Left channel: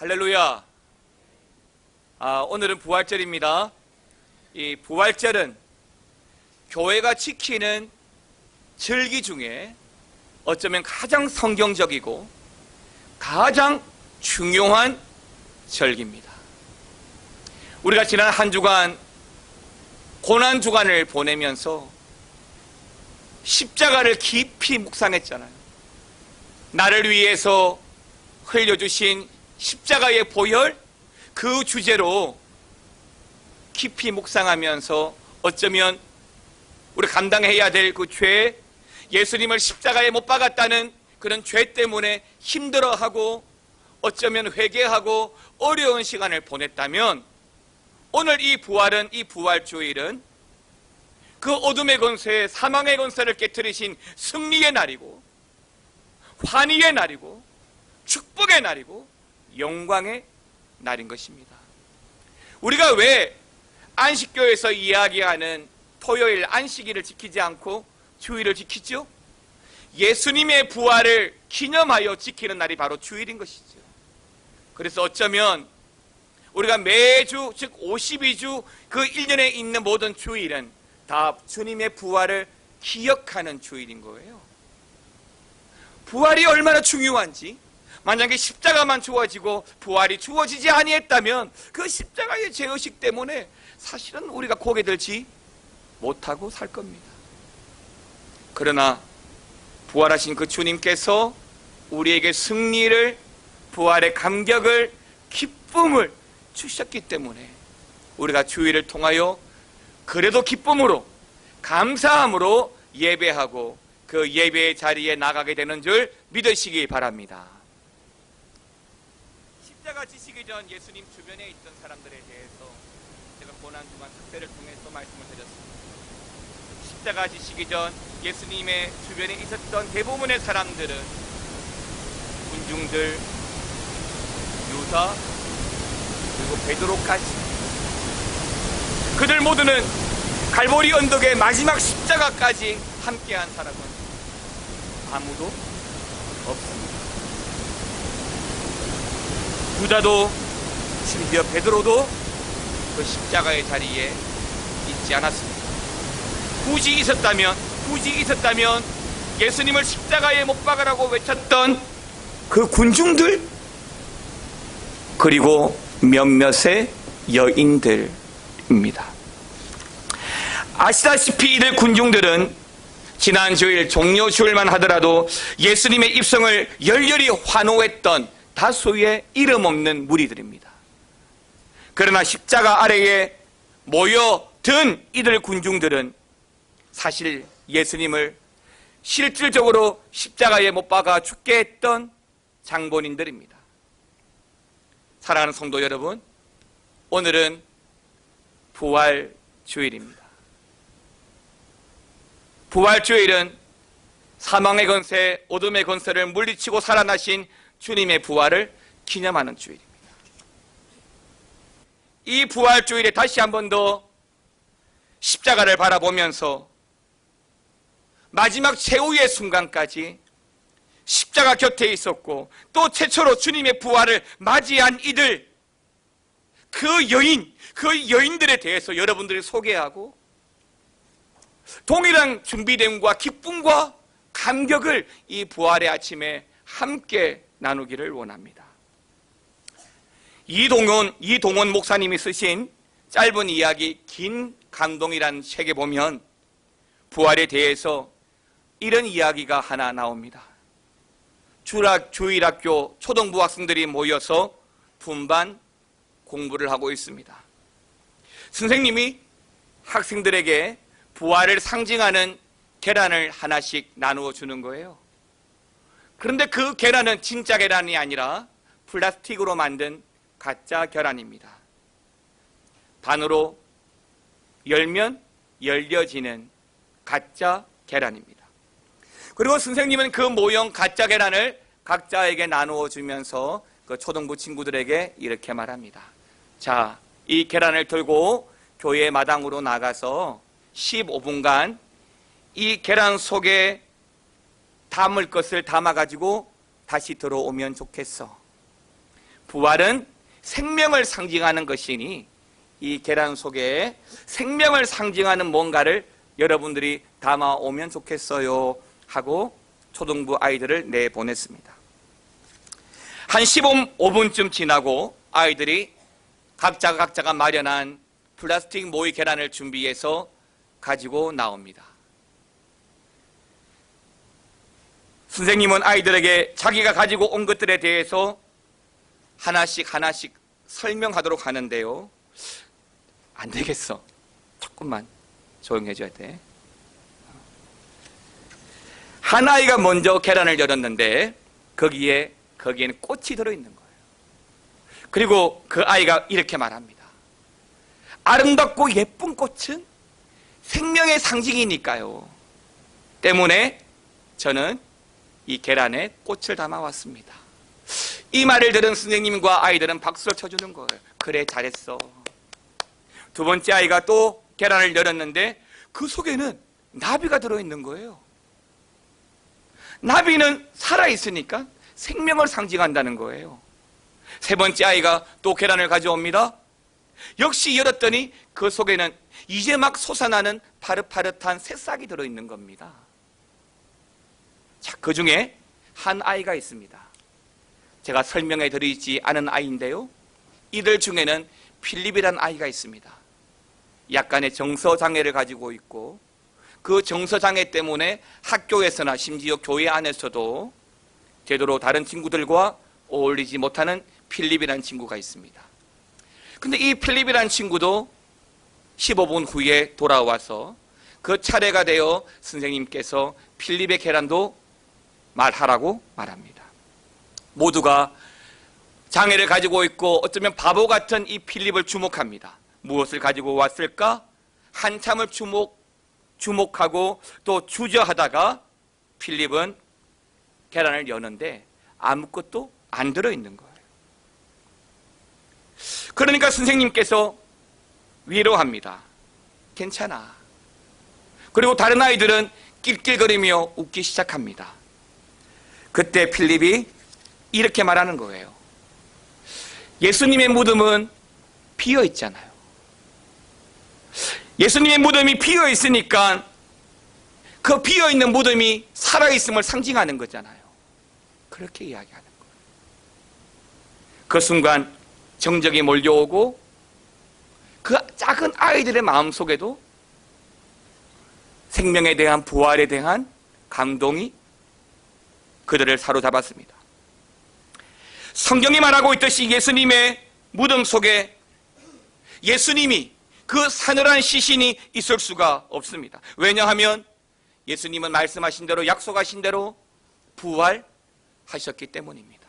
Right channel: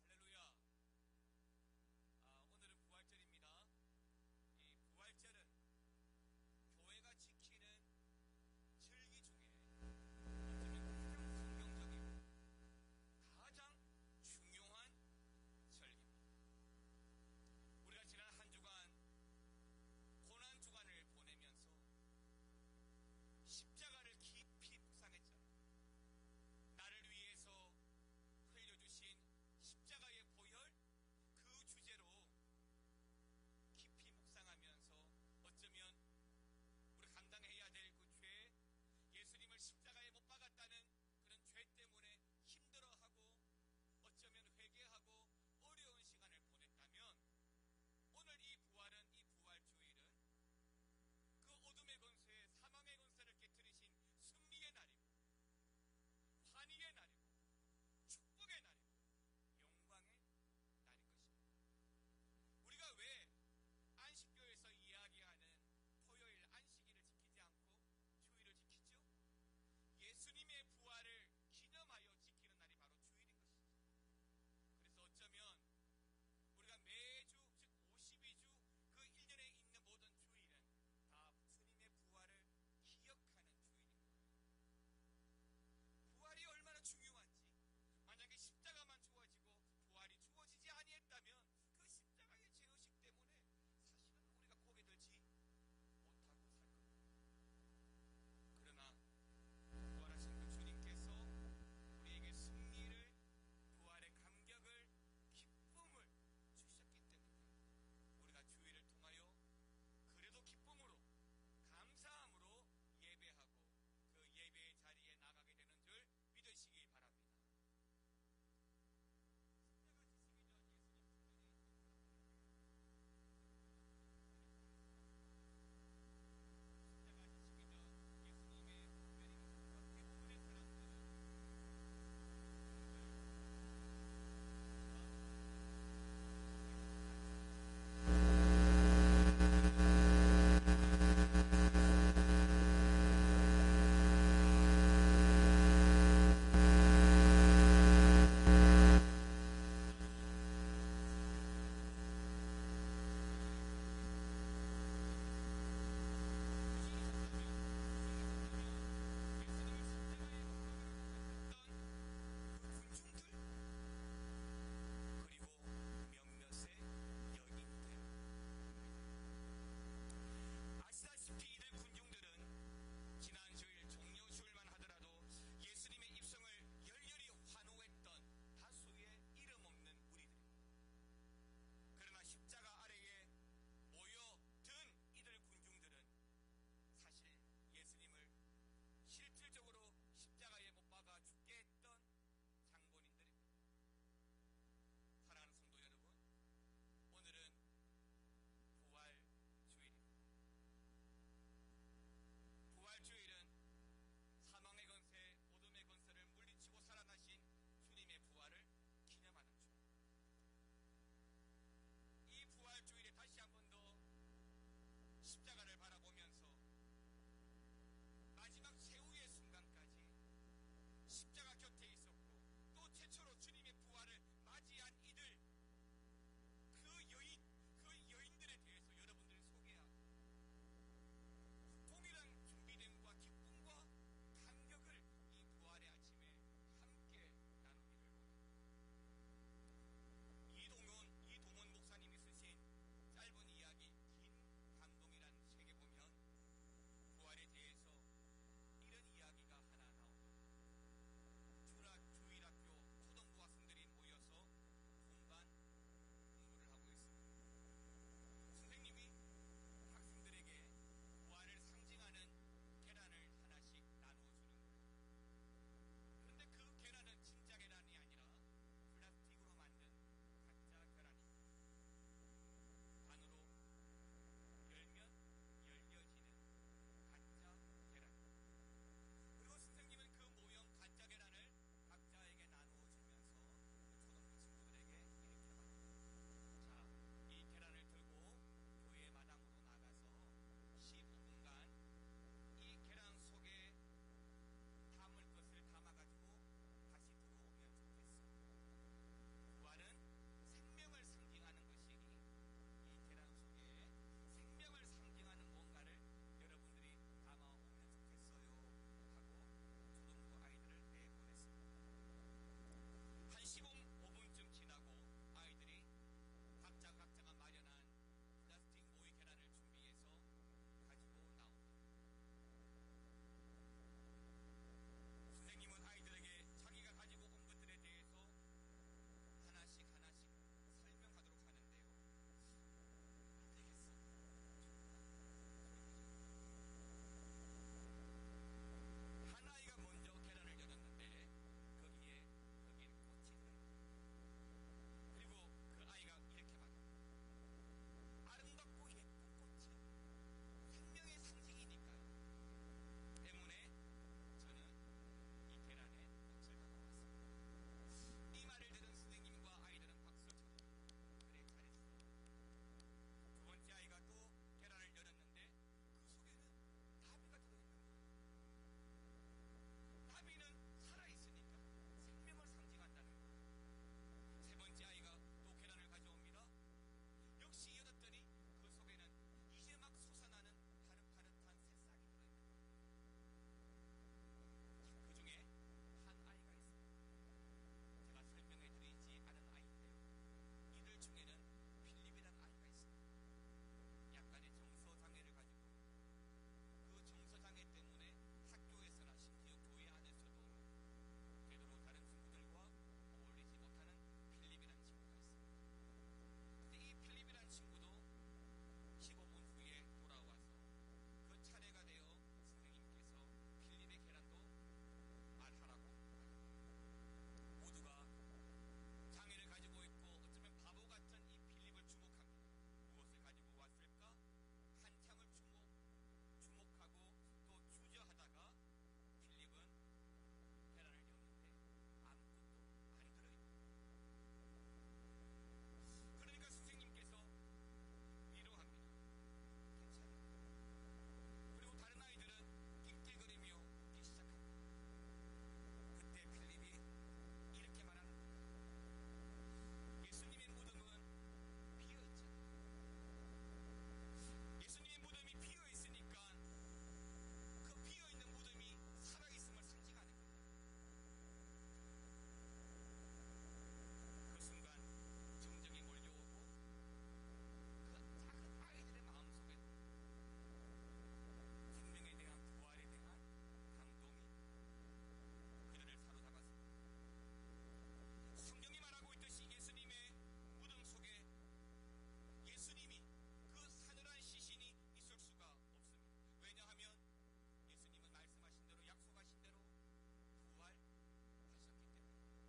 할렐루야. 오늘은 부활절입니다. 이 부활절은 교회가 지키는 절기 중에 어쩌면 가장 성경적이고 가장 중요한 절기입니다. 우리가 지난 한 주간 고난 주간을 보내면서 십자가를 깊이 묵상했잖아요. 나를 위해서 흘려주신 십자가의 보혈, 그 주제로 깊이 묵상하면서 어쩌면 우리 감당해야 될 그 죄, 예수님을 십자가에 못 박았다는 그런 죄 때문에 힘들어하고 어쩌면 회개하고 어려운 시간을 보냈다면, 오늘 이 부활은, 이 부활주일은 그 어둠의 권세, 사망의 권세를 깨뜨리신 승리의 날이고 환희의 날이고 축복의 날이고 영광의 날인 것입니다. 우리가 왜 안식교에서 이야기하는 토요일 안식일을 지키지 않고 주일을 지키죠? 예수님의 부활을 기념하여 지키는 날이 바로 주일인 것이죠. 그래서 어쩌면 우리가 매주, 즉 52주 그 1년에 있는 모든 주일은 다 주님의 부활을 기억하는 주일인 거예요. 부활이 얼마나 중요한지, 만약에 십자가만 주어지고 부활이 주어지지 아니했다면 그 십자가의 죄의식 때문에 사실은 우리가 고개 들지 못하고 살 겁니다. 그러나 부활하신 그 주님께서 우리에게 승리를, 부활의 감격을, 기쁨을 주셨기 때문에 우리가 주일을 통하여 그래도 기쁨으로, 감사함으로 예배하고 그 예배의 자리에 나가게 되는 줄 믿으시기 바랍니다. 십자가 지시기 전 예수님 주변에 있던 사람들에 대해서 제가 고난주간 특별을 통해서 말씀을 드렸습니다. 십자가 지시기 전 예수님의 주변에 있었던 대부분의 사람들은 군중들, 유다, 그리고 베드로까지, 그들 모두는 갈보리 언덕의 마지막 십자가까지 함께한 사람은 아무도 없습니다. 유다도 심지어 베드로도 그 십자가의 자리에 있지 않았습니다. 굳이 있었다면 예수님을 십자가에 못 박으라고 외쳤던 그 군중들, 그리고 몇몇의 여인들입니다. 아시다시피 이들 군중들은 지난 주일 종려 주일만 하더라도 예수님의 입성을 열렬히 환호했던 다수의 이름 없는 무리들입니다. 그러나 십자가 아래에 모여든 이들 군중들은 사실 예수님을 실질적으로 십자가에 못 박아 죽게 했던 장본인들입니다. 사랑하는 성도 여러분, 오늘은 부활주일입니다. 부활주일은 사망의 권세, 어둠의 권세를 물리치고 살아나신 주님의 부활을 기념하는 주일입니다. 이 부활주일에 다시 한 번 더 십자가를 바라보면서 마지막 최후의 순간까지 십자가 곁에 있었고 또 최초로 주님의 부활을 맞이한 이들, 그 여인들에 대해서 여러분들이 소개하고 동일한 준비됨과 기쁨과 감격을 이 부활의 아침에 함께 나누기를 원합니다. 이동원 목사님이 쓰신 짧은 이야기 긴 감동이라는 책에 보면 부활에 대해서 이런 이야기가 하나 나옵니다. 주일학교 초등부 학생들이 모여서 분반 공부를 하고 있습니다. 선생님이 학생들에게 부활을 상징하는 계란을 하나씩 나누어 주는 거예요. 그런데 그 계란은 진짜 계란이 아니라 플라스틱으로 만든 가짜 계란입니다. 반으로 열면 열려지는 가짜 계란입니다. 그리고 선생님은 그 모형 가짜 계란을 각자에게 나누어 주면서 그 초등부 친구들에게 이렇게 말합니다. 자, 이 계란을 들고 교회 마당으로 나가서 15분간 이 계란 속에 담을 것을 담아가지고 다시 들어오면 좋겠어. 부활은 생명을 상징하는 것이니 이 계란 속에 생명을 상징하는 뭔가를 여러분들이 담아오면 좋겠어요 하고 초등부 아이들을 내보냈습니다. 한 15분쯤 지나고 아이들이 각자가 마련한 플라스틱 모이 계란을 준비해서 가지고 나옵니다. 선생님은 아이들에게 자기가 가지고 온 것들에 대해서 하나씩 설명하도록 하는데요. 안 되겠어. 조금만 조용해져야 돼. 한 아이가 먼저 계란을 열었는데 거기에는 꽃이 들어있는 거예요. 그리고 그 아이가 이렇게 말합니다. 아름답고 예쁜 꽃은 생명의 상징이니까요. 때문에 저는 이 계란에 꽃을 담아왔습니다. 이 말을 들은 선생님과 아이들은 박수를 쳐주는 거예요. 그래, 잘했어. 두 번째 아이가 또 계란을 열었는데 그 속에는 나비가 들어있는 거예요. 나비는 살아있으니까 생명을 상징한다는 거예요. 세 번째 아이가 또 계란을 가져옵니다. 역시 열었더니 그 속에는 이제 막 솟아나는 파릇파릇한 새싹이 들어있는 겁니다. 자, 그 중에 한 아이가 있습니다. 제가 설명해 드리지 않은 아이인데요. 이들 중에는 필립이라는 아이가 있습니다. 약간의 정서장애를 가지고 있고 그 정서장애 때문에 학교에서나 심지어 교회 안에서도 제대로 다른 친구들과 어울리지 못하는 필립이라는 친구가 있습니다. 근데 이 필립이라는 친구도 15분 후에 돌아와서 그 차례가 되어 선생님께서 필립의 계란도 말하라고 말합니다. 모두가 장애를 가지고 있고 어쩌면 바보 같은 이 필립을 주목합니다. 무엇을 가지고 왔을까? 한참을 주목하고 또 주저하다가 필립은 계란을 여는데 아무것도 안 들어있는 거예요. 그러니까 선생님께서 위로합니다. 괜찮아. 그리고 다른 아이들은 낄낄거리며 웃기 시작합니다. 그때 필립이 이렇게 말하는 거예요. 예수님의 무덤은 비어 있잖아요. 예수님의 무덤이 비어 있으니까 그 비어 있는 무덤이 살아있음을 상징하는 거잖아요. 그렇게 이야기하는 거예요. 그 순간 정적이 몰려오고 그 작은 아이들의 마음속에도 생명에 대한 부활에 대한 감동이 그들을 사로잡았습니다. 성경이 말하고 있듯이 예수님의 무덤 속에 예수님이 그 사늘한 시신이 있을 수가 없습니다. 왜냐하면 예수님은 말씀하신 대로 약속하신 대로 부활하셨기 때문입니다.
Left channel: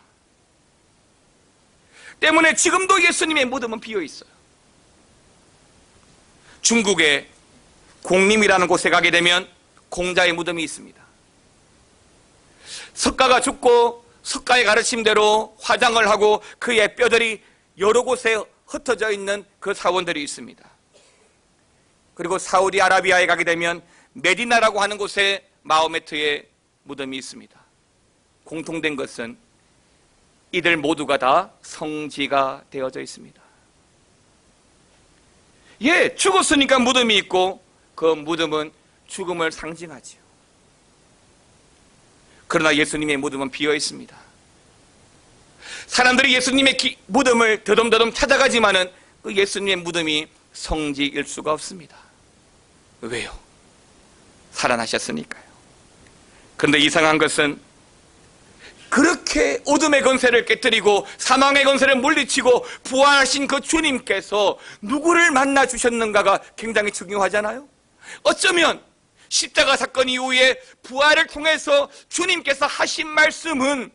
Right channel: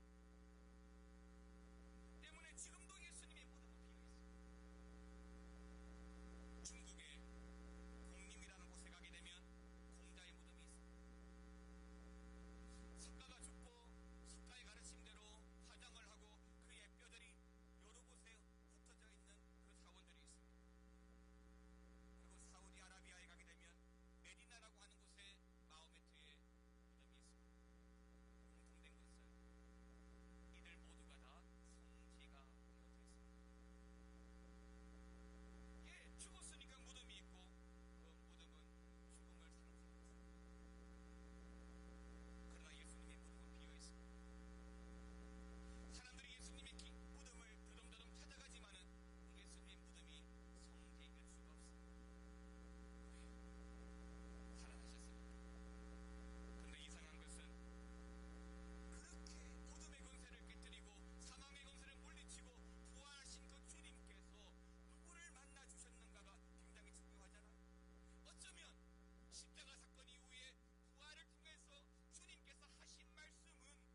때문에 지금도 예수님의 무덤은 비어 있어요. 중국의 공림이라는 곳에 가게 되면 공자의 무덤이 있습니다. 석가가 죽고 석가의 가르침대로 화장을 하고 그의 뼈들이 여러 곳에 흩어져 있는 그 사원들이 있습니다. 그리고 사우디아라비아에 가게 되면 메디나라고 하는 곳에 마호메트의 무덤이 있습니다. 공통된 것은 이들 모두가 다 성지가 되어져 있습니다. 예, 죽었으니까 무덤이 있고 그 무덤은 죽음을 상징하지요. 그러나 예수님의 무덤은 비어 있습니다. 사람들이 예수님의 무덤을 더듬더듬 찾아가지만은 그 예수님의 무덤이 성지일 수가 없습니다. 왜요? 살아나셨으니까요. 그런데 이상한 것은 그렇게 어둠의 권세를 깨뜨리고 사망의 권세를 물리치고 부활하신 그 주님께서 누구를 만나 주셨는가가 굉장히 중요하잖아요. 어쩌면 십자가 사건 이후에 부활을 통해서 주님께서 하신 말씀은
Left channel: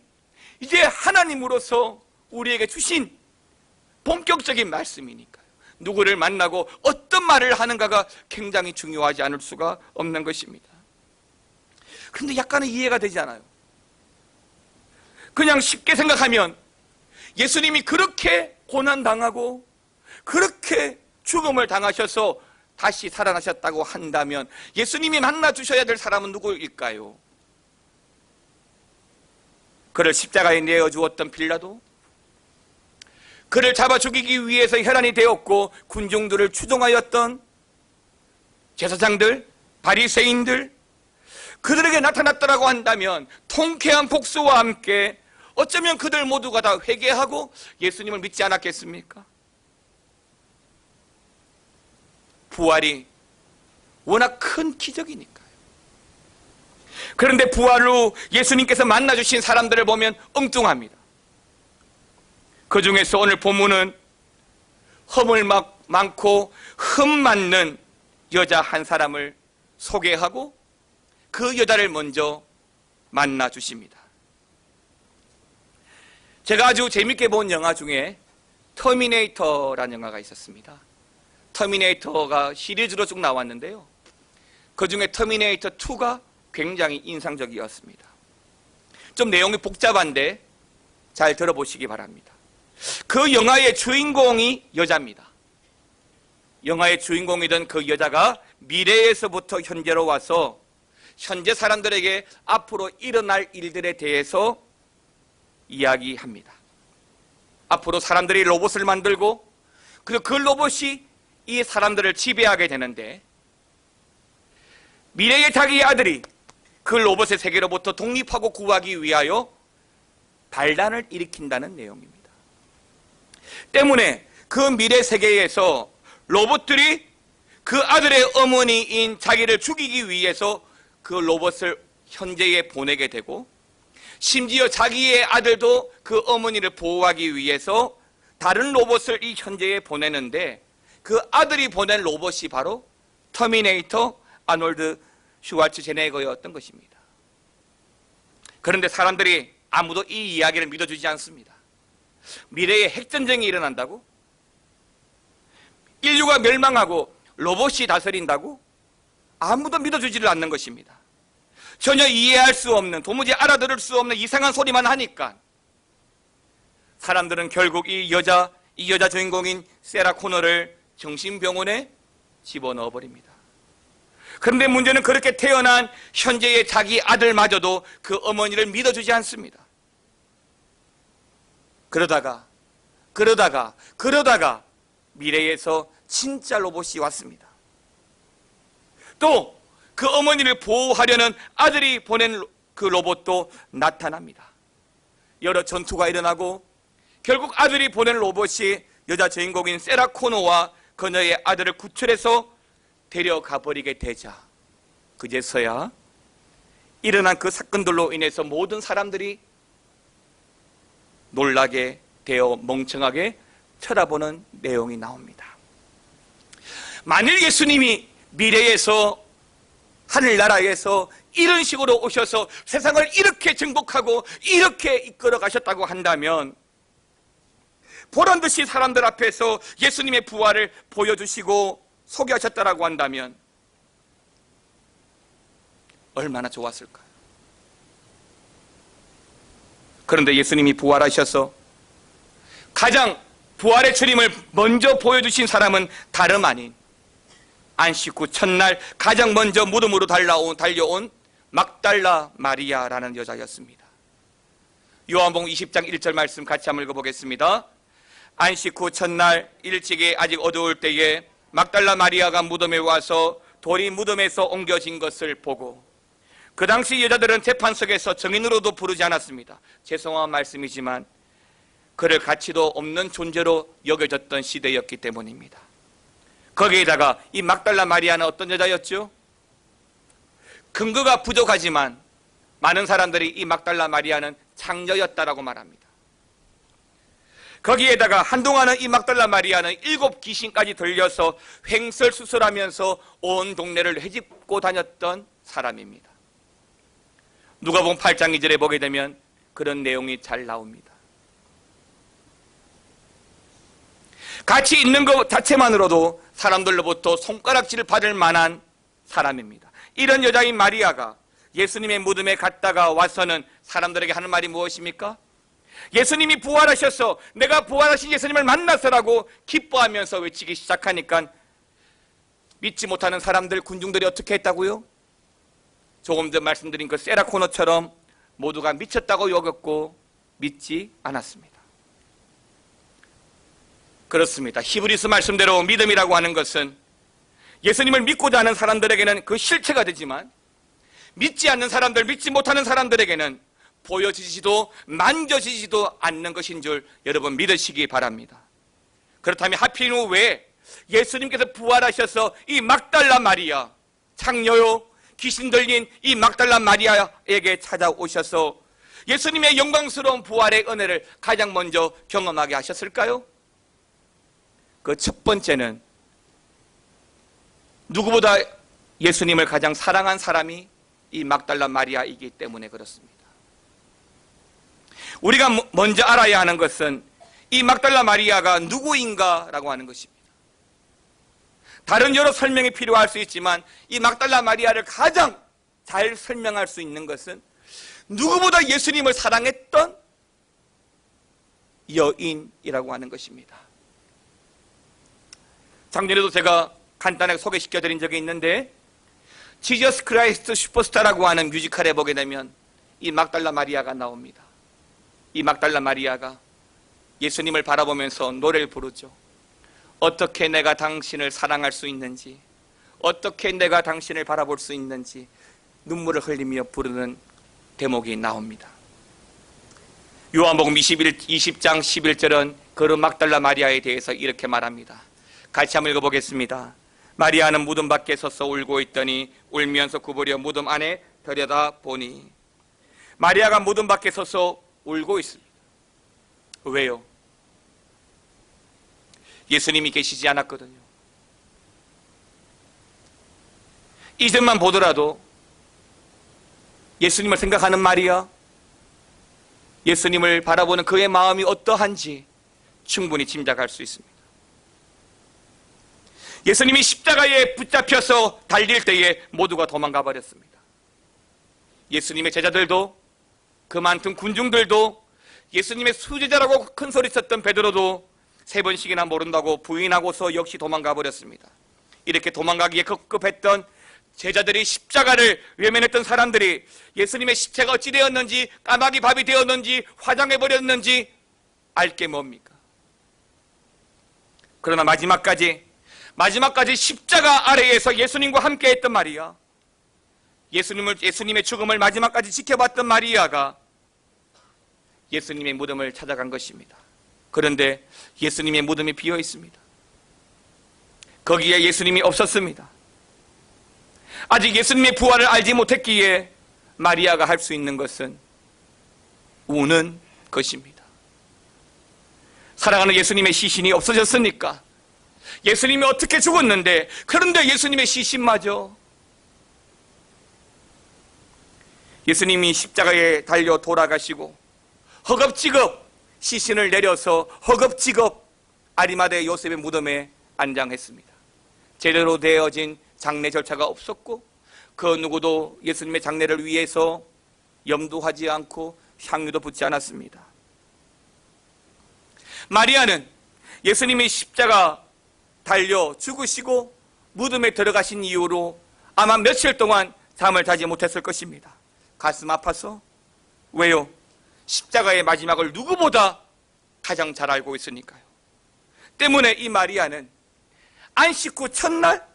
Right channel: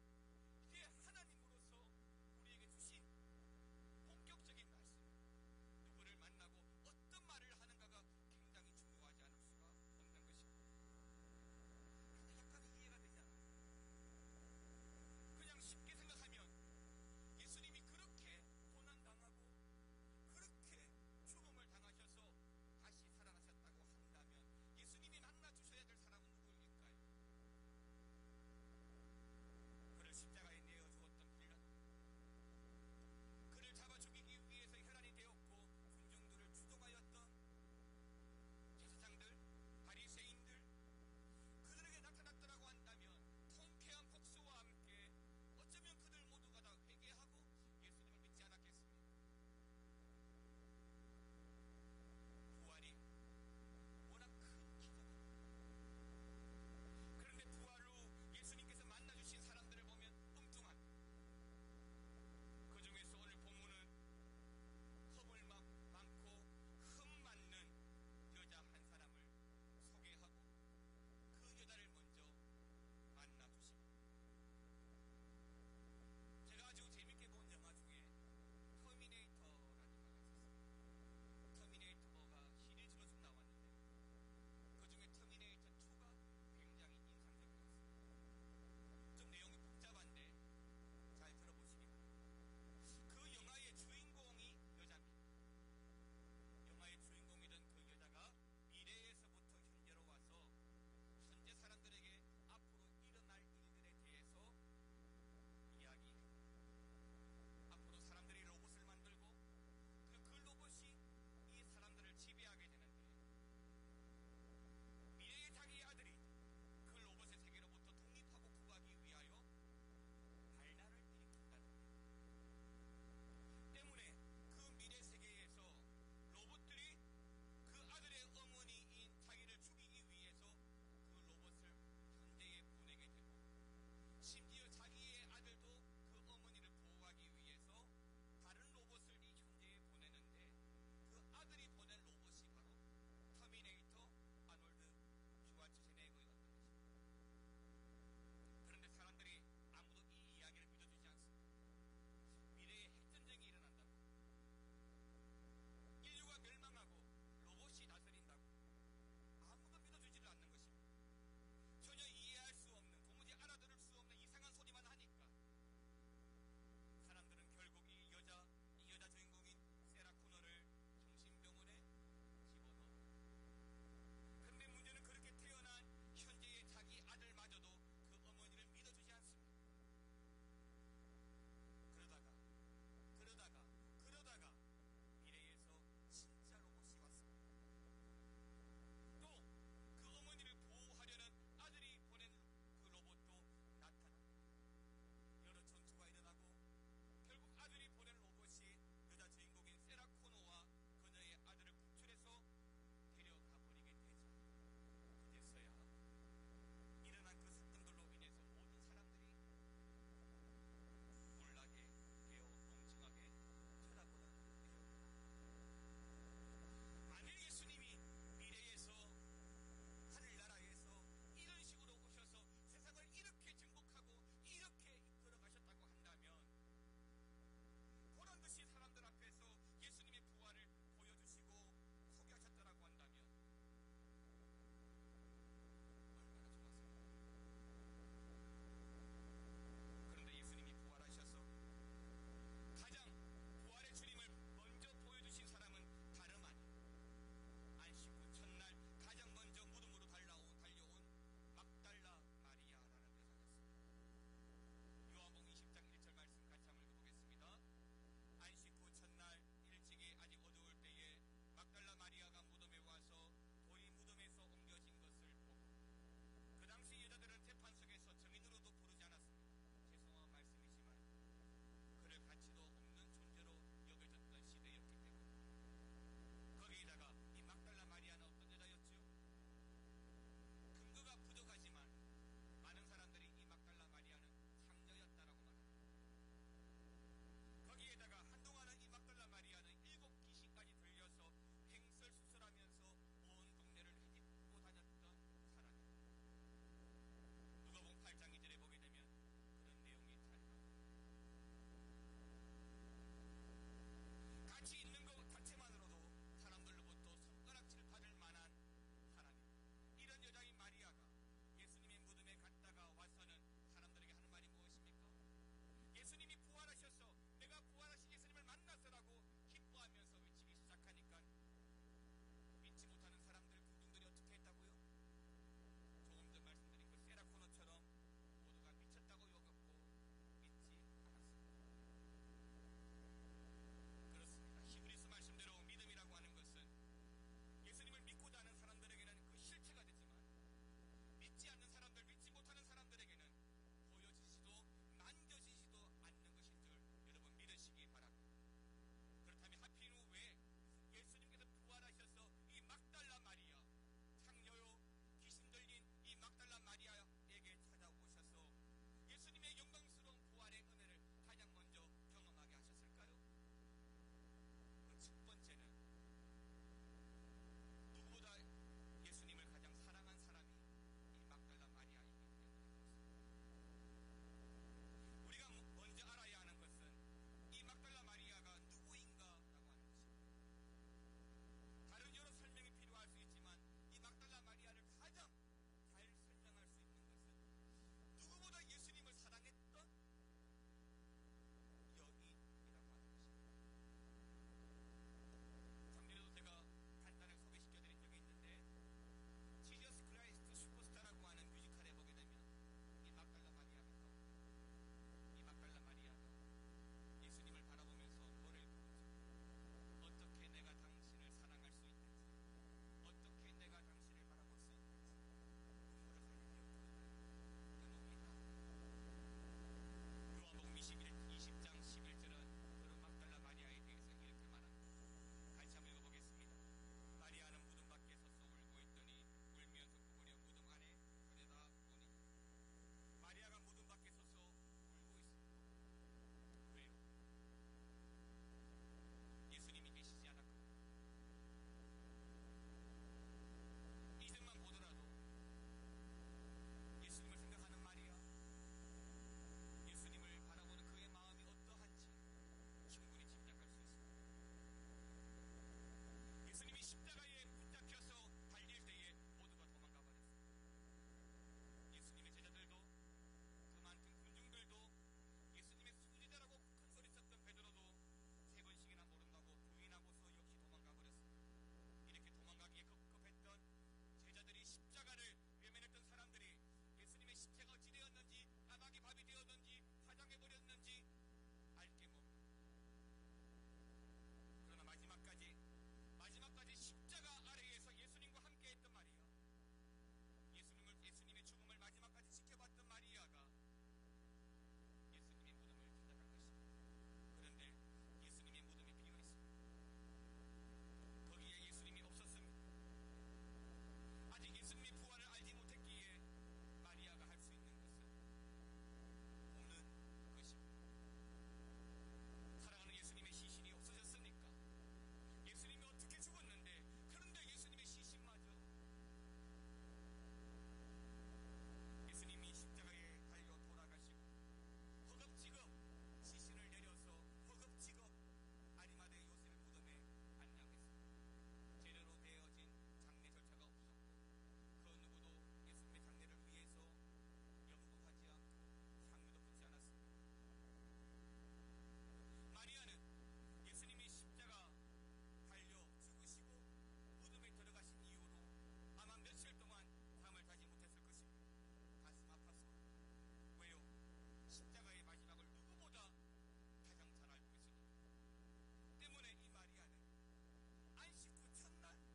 이제 하나님으로서 우리에게 주신 본격적인 말씀이니까요. 누구를 만나고 어떤 말을 하는가가 굉장히 중요하지 않을 수가 없는 것입니다. 그런데 약간은 이해가 되지 않아요. 그냥 쉽게 생각하면 예수님이 그렇게 고난당하고 그렇게 죽음을 당하셔서 다시 살아나셨다고 한다면 예수님이 만나 주셔야 될 사람은 누구일까요? 그를 십자가에 내어 주었던 빌라도, 그를 잡아 죽이기 위해서 혈안이 되었고 군중들을 추종하였던 제사장들, 바리새인들, 그들에게 나타났다라고 한다면 통쾌한 복수와 함께 어쩌면 그들 모두가 다 회개하고 예수님을 믿지 않았겠습니까? 부활이 워낙 큰 기적이니까요. 그런데 부활 후 예수님께서 만나주신 사람들을 보면 엉뚱합니다. 그 중에서 오늘 본문은 허물 많고 흠 많는 여자 한 사람을 소개하고 그 여자를 먼저 만나 주십니다. 제가 아주 재밌게 본 영화 중에 터미네이터라는 영화가 있었습니다. 터미네이터가 시리즈로 쭉 나왔는데요, 그 중에 터미네이터 2가 굉장히 인상적이었습니다. 좀 내용이 복잡한데 잘 들어보시기 바랍니다. 그 영화의 주인공이 여자입니다. 영화의 주인공이던 그 여자가 미래에서부터 현재로 와서 현재 사람들에게 앞으로 일어날 일들에 대해서 이야기합니다. 앞으로 사람들이 로봇을 만들고 그리고 그 로봇이 이 사람들을 지배하게 되는데, 미래의 자기의 아들이 그 로봇의 세계로부터 독립하고 구하기 위하여 반란을 일으킨다는 내용입니다. 때문에 그 미래 세계에서 로봇들이 그 아들의 어머니인 자기를 죽이기 위해서 그 로봇을 현재에 보내게 되고, 심지어 자기의 아들도 그 어머니를 보호하기 위해서 다른 로봇을 이 현재에 보내는데, 그 아들이 보낸 로봇이 바로 터미네이터 아놀드 슈왈츠제네거였던 것입니다. 그런데 사람들이 아무도 이 이야기를 믿어주지 않습니다. 미래에 핵전쟁이 일어난다고? 인류가 멸망하고 로봇이 다스린다고? 아무도 믿어주지를 않는 것입니다. 전혀 이해할 수 없는, 도무지 알아들을 수 없는 이상한 소리만 하니까 사람들은 결국 이 여자 주인공인 세라 코너를 정신병원에 집어넣어 버립니다. 그런데 문제는 그렇게 태어난 현재의 자기 아들마저도 그 어머니를 믿어주지 않습니다. 그러다가 미래에서 진짜 로봇이 왔습니다. 또 그 어머니를 보호하려는 아들이 보낸 그 로봇도 나타납니다. 여러 전투가 일어나고 결국 아들이 보낸 로봇이 여자 주인공인 세라 코노와 그녀의 아들을 구출해서 데려가 버리게 되자, 그제서야 일어난 그 사건들로 인해서 모든 사람들이 놀라게 되어 멍청하게 쳐다보는 내용이 나옵니다. 만일 예수님이 미래에서 하늘나라에서 이런 식으로 오셔서 세상을 이렇게 정복하고 이렇게 이끌어 가셨다고 한다면, 보란듯이 사람들 앞에서 예수님의 부활을 보여주시고 소개하셨다라고 한다면 얼마나 좋았을까요? 그런데 예수님이 부활하셔서 가장 부활의 주님을 먼저 보여주신 사람은 다름 아닌 안식 후 첫날 가장 먼저 무덤으로 달려온 막달라 마리아라는 여자였습니다. 요한복음 20장 1절 말씀 같이 한번 읽어보겠습니다. 안식 후 첫날 일찍이 아직 어두울 때에 막달라 마리아가 무덤에 와서 돌이 무덤에서 옮겨진 것을 보고, 그 당시 여자들은 재판석에서 증인으로도 부르지 않았습니다. 죄송한 말씀이지만 그럴 가치도 없는 존재로 여겨졌던 시대였기 때문입니다. 거기에다가 이 막달라 마리아는 어떤 여자였죠? 근거가 부족하지만 많은 사람들이 이 막달라 마리아는 창녀였다라고 말합니다. 거기에다가 한동안은 이 막달라 마리아는 7 귀신까지 들려서 횡설수설하면서 온 동네를 헤집고 다녔던 사람입니다. 누가복음 8장 2절에 보게 되면 그런 내용이 잘 나옵니다. 같이 있는 것 자체만으로도 사람들로부터 손가락질을 받을 만한 사람입니다. 이런 여자인 마리아가 예수님의 무덤에 갔다가 와서는 사람들에게 하는 말이 무엇입니까? 예수님이 부활하셔서 내가 부활하신 예수님을 만나서라고 기뻐하면서 외치기 시작하니까 믿지 못하는 사람들, 군중들이 어떻게 했다고요? 조금 전 말씀드린 그 세라 코너처럼 모두가 미쳤다고 여겼고 믿지 않았습니다. 그렇습니다. 히브리서 말씀대로 믿음이라고 하는 것은 예수님을 믿고자 하는 사람들에게는 그 실체가 되지만 믿지 않는 사람들, 믿지 못하는 사람들에게는 보여지지도 만져지지도 않는 것인 줄 여러분 믿으시기 바랍니다. 그렇다면 하필이면 왜 예수님께서 부활하셔서 이 막달라 마리아, 창녀요 귀신 들린 이 막달라 마리아에게 찾아오셔서 예수님의 영광스러운 부활의 은혜를 가장 먼저 경험하게 하셨을까요? 그 첫 번째는 누구보다 예수님을 가장 사랑한 사람이 이 막달라 마리아이기 때문에 그렇습니다. 우리가 먼저 알아야 하는 것은 이 막달라 마리아가 누구인가라고 하는 것입니다. 다른 여러 설명이 필요할 수 있지만 이 막달라 마리아를 가장 잘 설명할 수 있는 것은 누구보다 예수님을 사랑했던 여인이라고 하는 것입니다. 작년에도 제가 간단하게 소개시켜드린 적이 있는데 지저스 크라이스트 슈퍼스타라고 하는 뮤지컬에 보게 되면 이 막달라 마리아가 나옵니다. 이 막달라 마리아가 예수님을 바라보면서 노래를 부르죠. 어떻게 내가 당신을 사랑할 수 있는지, 어떻게 내가 당신을 바라볼 수 있는지 눈물을 흘리며 부르는 대목이 나옵니다. 요한복음 20장 11절은 그 막달라 마리아에 대해서 이렇게 말합니다. 같이 한번 읽어보겠습니다. 마리아는 무덤 밖에 서서 울고 있더니 울면서 구부려 무덤 안에 들여다 보니, 마리아가 무덤 밖에 서서 울고 있습니다. 왜요? 예수님이 계시지 않았거든요. 이전만 보더라도 예수님을 생각하는 마리아, 예수님을 바라보는 그의 마음이 어떠한지 충분히 짐작할 수 있습니다. 예수님이 십자가에 붙잡혀서 달릴 때에 모두가 도망가 버렸습니다. 예수님의 제자들도, 그 많던 군중들도, 예수님의 수제자라고 큰 소리 쳤던 베드로도 3번씩이나 모른다고 부인하고서 역시 도망가 버렸습니다. 이렇게 도망가기에 급급했던 제자들이, 십자가를 외면했던 사람들이 예수님의 십자가 어찌 되었는지, 까마귀 밥이 되었는지, 화장해버렸는지 알 게 뭡니까? 그러나 마지막까지 십자가 아래에서 예수님과 함께 했던 마리아, 예수님의 죽음을 마지막까지 지켜봤던 마리아가 예수님의 무덤을 찾아간 것입니다. 그런데 예수님의 무덤이 비어 있습니다. 거기에 예수님이 없었습니다. 아직 예수님의 부활을 알지 못했기에 마리아가 할 수 있는 것은 우는 것입니다. 사랑하는 예수님의 시신이 없어졌으니까, 예수님이 어떻게 죽었는데, 그런데 예수님의 시신마저, 예수님이 십자가에 달려 돌아가시고 허겁지겁 시신을 내려서 허겁지겁 아리마대 요셉의 무덤에 안장했습니다. 제대로 되어진 장례 절차가 없었고 그 누구도 예수님의 장례를 위해서 염두하지 않고 향유도 붓지 않았습니다. 마리아는 예수님이 십자가 달려 죽으시고 무덤에 들어가신 이후로 아마 며칠 동안 잠을 자지 못했을 것입니다. 가슴 아파서. 왜요? 십자가의 마지막을 누구보다 가장 잘 알고 있으니까요. 때문에 이 마리아는 안식 후 첫날,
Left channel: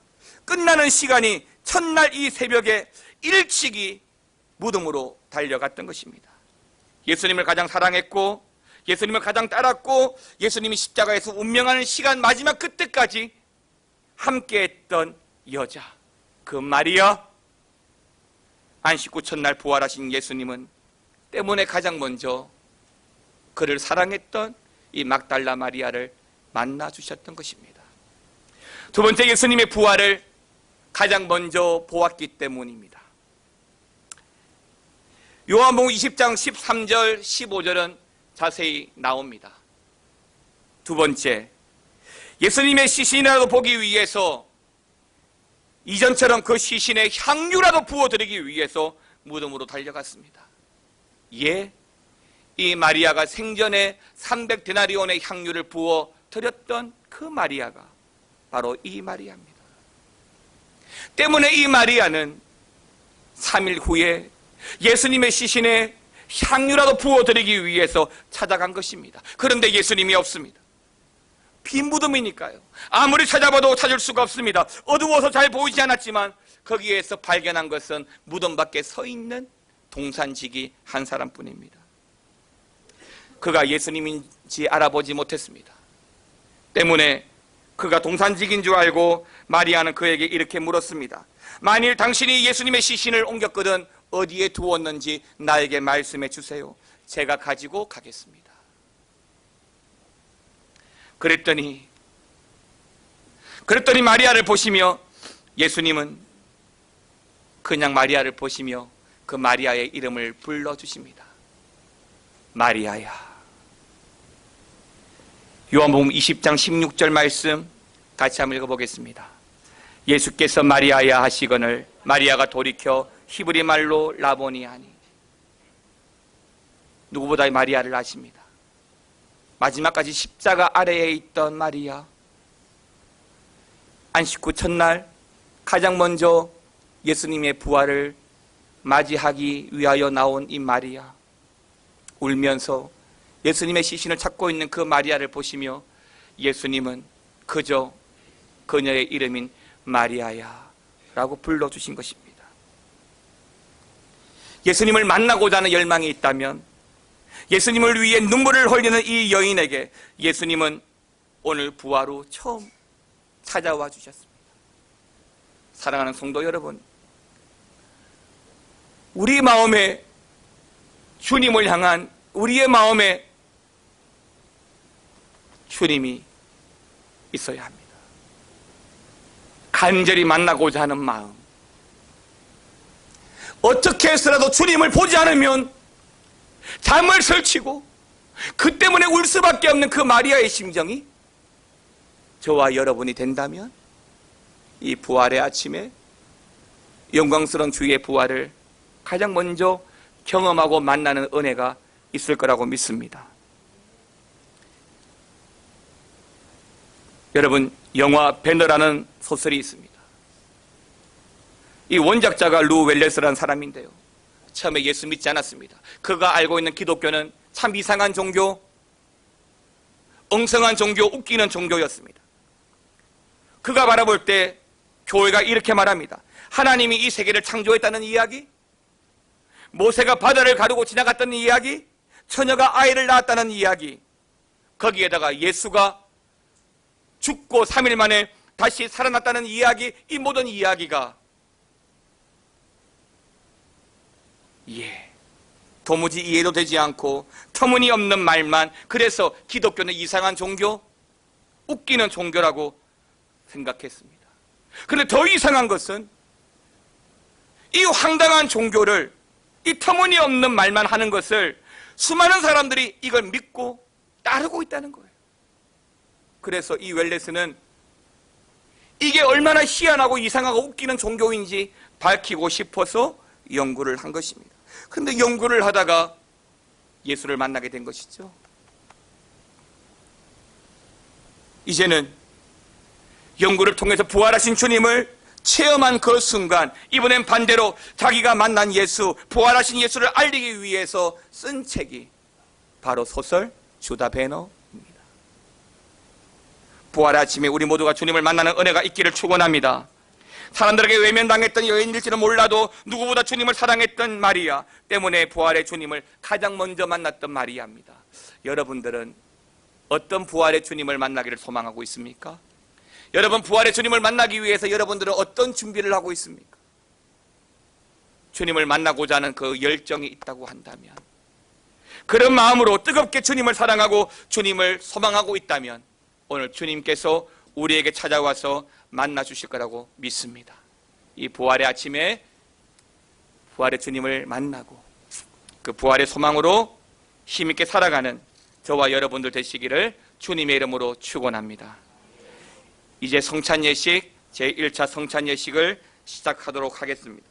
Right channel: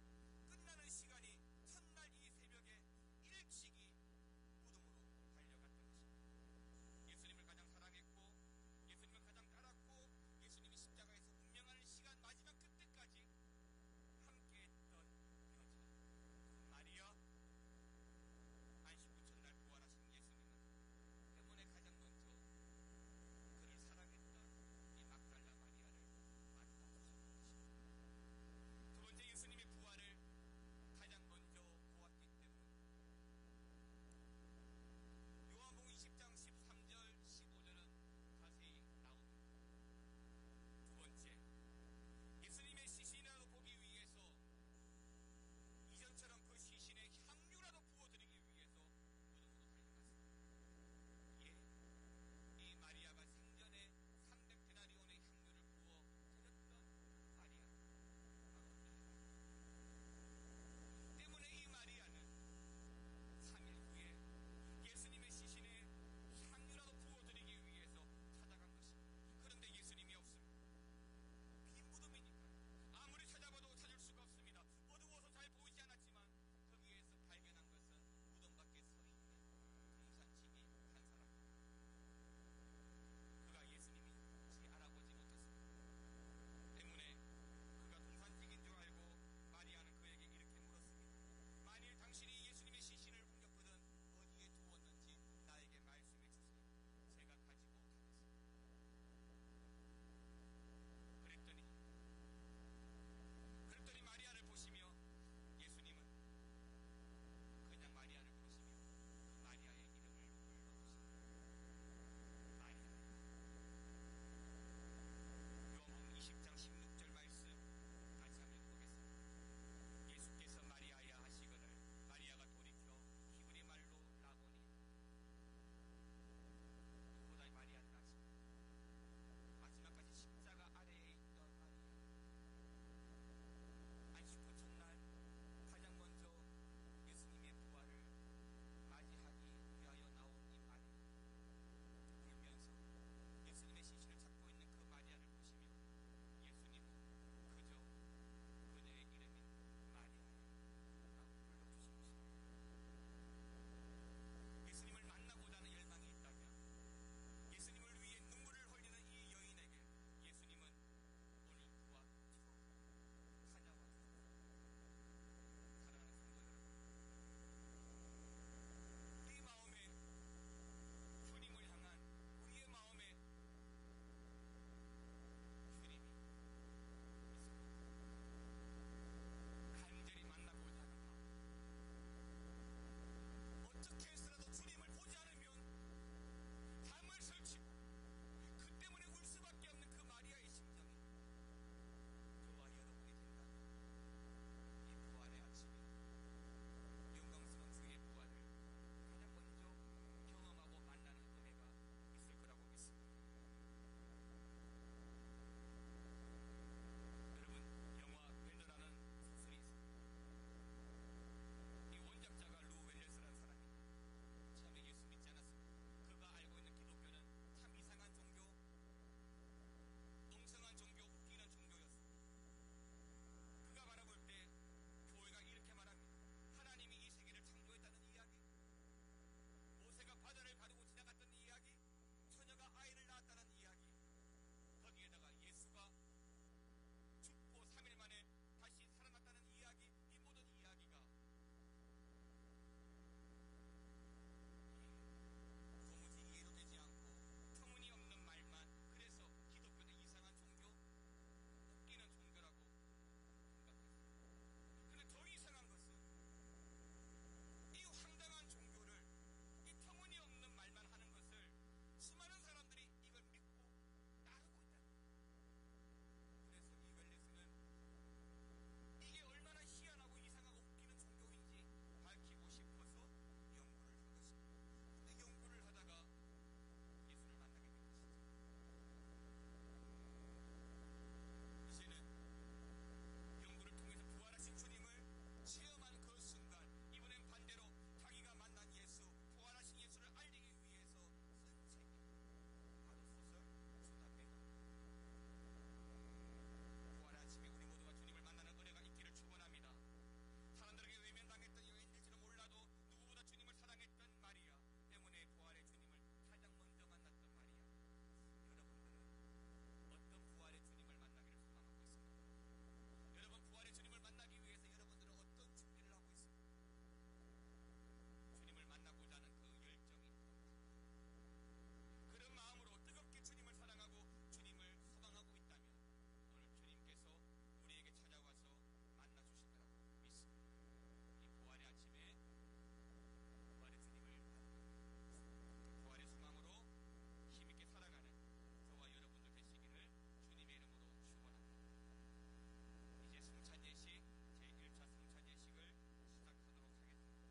끝나는 시간이 첫날 이 새벽에 일찍이 무덤으로 달려갔던 것입니다. 예수님을 가장 사랑했고 예수님을 가장 따랐고 예수님이 십자가에서 운명하는 시간 마지막 그때까지 함께했던 여자, 그 마리아, 안식 후 첫날 부활하신 예수님은 때문에 가장 먼저 그를 사랑했던 이 막달라 마리아를 만나주셨던 것입니다. 두 번째, 예수님의 부활을 가장 먼저 보았기 때문입니다. 요한복음 20장 13절 15절은 자세히 나옵니다. 두 번째, 예수님의 시신이라도 보기 위해서 이전처럼 그 시신에 향유라도 부어드리기 위해서 무덤으로 달려갔습니다. 예, 이 마리아가 생전에 300데나리온의 향유를 부어 드렸던 그 마리아가 바로 이 마리아입니다. 때문에 이 마리아는 3일 후에 예수님의 시신에 향유라도 부어드리기 위해서 찾아간 것입니다. 그런데 예수님이 없습니다. 빈 무덤이니까요. 아무리 찾아봐도 찾을 수가 없습니다. 어두워서 잘 보이지 않았지만 거기에서 발견한 것은 무덤 밖에 서 있는 동산지기 한 사람뿐입니다. 그가 예수님인지 알아보지 못했습니다. 때문에 그가 동산지기인 줄 알고 마리아는 그에게 이렇게 물었습니다. 만일 당신이 예수님의 시신을 옮겼거든 어디에 두었는지 나에게 말씀해 주세요. 제가 가지고 가겠습니다. 그랬더니 마리아를 보시며 예수님은 그냥 마리아를 보시며 그 마리아의 이름을 불러주십니다. 마리아야. 요한복음 20장 16절 말씀 같이 한번 읽어보겠습니다. 예수께서 마리아야 하시거늘 마리아가 돌이켜 히브리 말로 라보니 하니. 누구보다 마리아를 아십니다. 마지막까지 십자가 아래에 있던 마리아, 안식 후 첫날 가장 먼저 예수님의 부활을 맞이하기 위하여 나온 이 마리아, 울면서 예수님의 시신을 찾고 있는 그 마리아를 보시며 예수님은 그저 그녀의 이름인 마리아야 라고 불러주신 것입니다. 예수님을 만나고자 하는 열망이 있다면 예수님을 위해 눈물을 흘리는 이 여인에게 예수님은 오늘 부활 후 처음 찾아와 주셨습니다. 사랑하는 성도 여러분, 우리 마음에 주님을 향한 우리의 마음에 주님이 있어야 합니다. 간절히 만나고자 하는 마음. 어떻게 해서라도 주님을 보지 않으면 잠을 설치고 그 때문에 울 수밖에 없는 그 마리아의 심정이 저와 여러분이 된다면 이 부활의 아침에 영광스러운 주의 부활을 가장 먼저 경험하고 만나는 은혜가 있을 거라고 믿습니다. 여러분, 영화 배너라는 소설이 있습니다. 이 원작자가 루 웰레스라는 사람인데요, 처음에 예수 믿지 않았습니다. 그가 알고 있는 기독교는 참 이상한 종교, 엉성한 종교, 웃기는 종교였습니다. 그가 바라볼 때 교회가 이렇게 말합니다. 하나님이 이 세계를 창조했다는 이야기, 모세가 바다를 가르고 지나갔다는 이야기, 처녀가 아이를 낳았다는 이야기, 거기에다가 예수가 죽고 3일 만에 다시 살아났다는 이야기, 이 모든 이야기가 도무지 이해도 되지 않고 터무니없는 말만, 그래서 기독교는 이상한 종교, 웃기는 종교라고 생각했습니다. 그런데 더 이상한 것은 이 황당한 종교를, 이 터무니없는 말만 하는 것을 수많은 사람들이 이걸 믿고 따르고 있다는 거예요. 그래서 이 웰레스는 이게 얼마나 희한하고 이상하고 웃기는 종교인지 밝히고 싶어서 연구를 한 것입니다. 그런데 연구를 하다가 예수를 만나게 된 것이죠. 이제는 연구를 통해서 부활하신 주님을 체험한 그 순간, 이번엔 반대로 자기가 만난 예수, 부활하신 예수를 알리기 위해서 쓴 책이 바로 소설 주다 베너입니다. 부활의 아침에 우리 모두가 주님을 만나는 은혜가 있기를 축원합니다. 사람들에게 외면당했던 여인일지는 몰라도 누구보다 주님을 사랑했던 마리아 때문에 부활의 주님을 가장 먼저 만났던 마리아입니다. 여러분들은 어떤 부활의 주님을 만나기를 소망하고 있습니까? 여러분, 부활의 주님을 만나기 위해서 여러분들은 어떤 준비를 하고 있습니까? 주님을 만나고자 하는 그 열정이 있다고 한다면, 그런 마음으로 뜨겁게 주님을 사랑하고 주님을 소망하고 있다면 오늘 주님께서 우리에게 찾아와서 만나 주실 거라고 믿습니다. 이 부활의 아침에 부활의 주님을 만나고 그 부활의 소망으로 힘있게 살아가는 저와 여러분들 되시기를 주님의 이름으로 축원합니다. 이제 성찬 예식, 제1차 성찬 예식을 시작하도록 하겠습니다.